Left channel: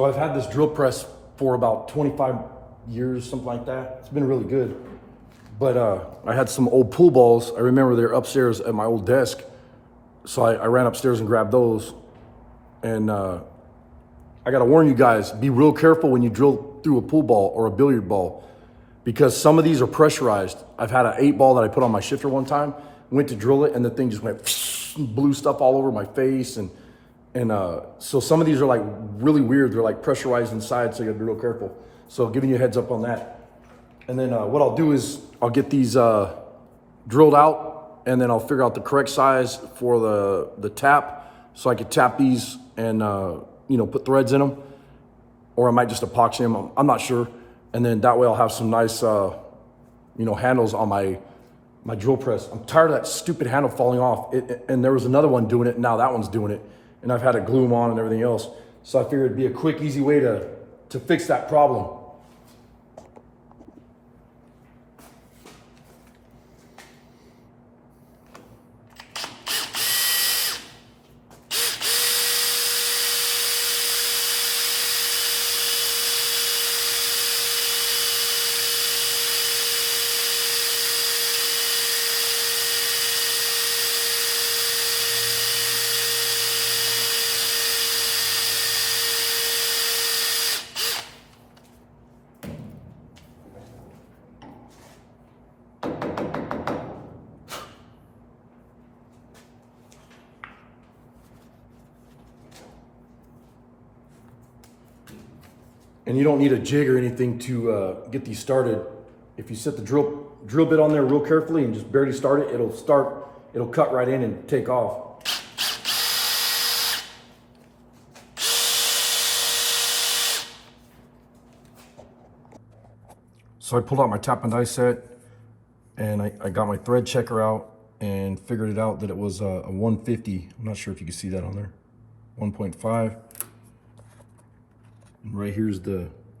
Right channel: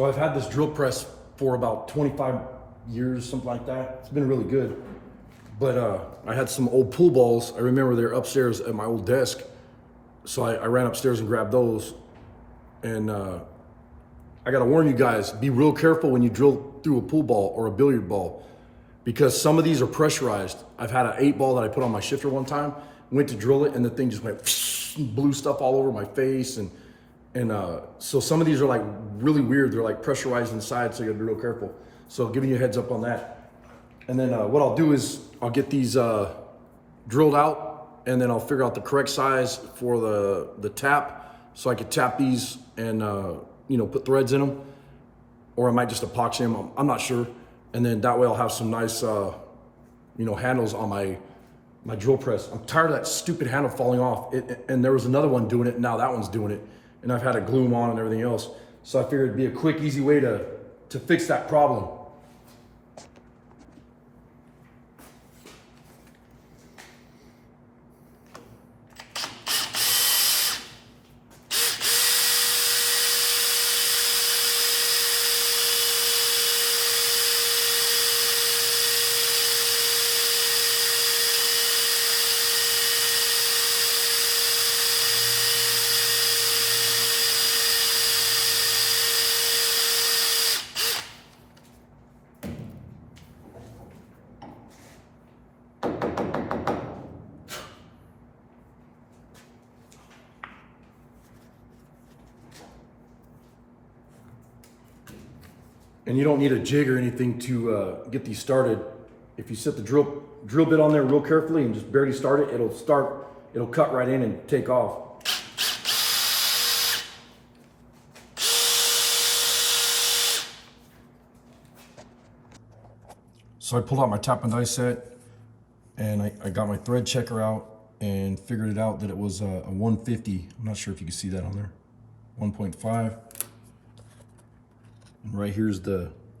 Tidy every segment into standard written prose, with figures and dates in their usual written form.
So I've had this drill press for about 25 years, something like that. It's been really good. But I had some old pool balls. I remember they're upstairs at my old desk. So I ran upstairs and grabbed those. And I gotta warn you guys, be real careful when you drill through a pool ball or a billiard ball, because some of these are pressurized. I've had an 8-ball that I put on my shifter one time, went to drill it, and the thing just went blew stuff all over my face. And so some of these are like really weird. They're like pressurized inside, so you gotta be real careful. So giving you a heads up on that. And then what I'll do is I'll get these drilled out, and then I'll figure out the correct size for the tap, so I could tap these and you know, put threads in them, or I might just epoxy them. I'm not sure. And then that way I'll have some nice you know, handles on my drill press. I'm tired of that stupid handle falling off. And there was another one doing it, now that one's doing it, and I've had to glue them on and everything else. So I figured it'd be a quick, easy way to fix that problem. And you don't need a jig or anything to get these started. If you set the drill bit on there real carefully and just barely start it, it'll cut right in and take off. So I pulled out my tap and die set, and I got my thread checker out and figured it out that it was a 150. I'm not sure if you can see that on there. 1.5. Right here's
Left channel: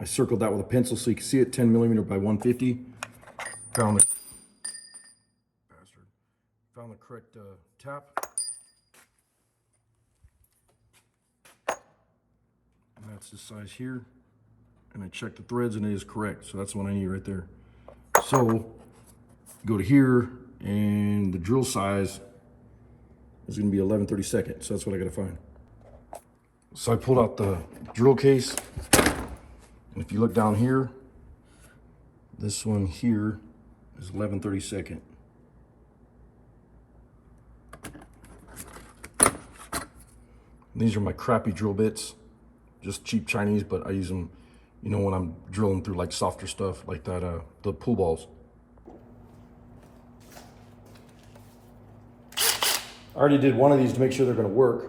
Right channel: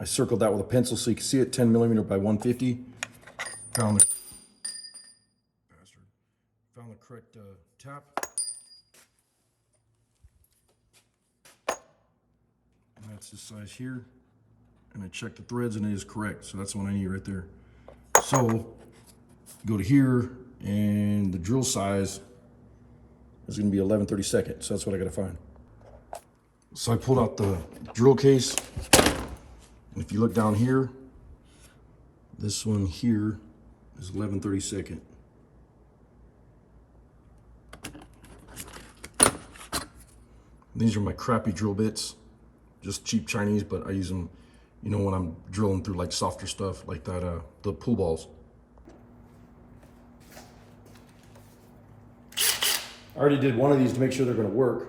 I circled that with a pencil so you can see it, 10 millimeter by 150. Found the correct tap. And that's the size here. And I checked the threads and it is correct. So that's the one I need right there. So go to here, and the drill size is gonna be 11/32. So that's what I gotta find. So I pulled out the drill case, and if you look down here, this one here is 11/32. These are my crappy drill bits, just cheap Chinese, but I use them, you know, when I'm drilling through like softer stuff like that, the pool balls. I already did one of these to make sure they're gonna work.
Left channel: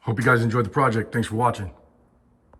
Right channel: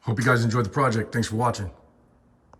Hope you guys enjoyed the project. Thanks for watching.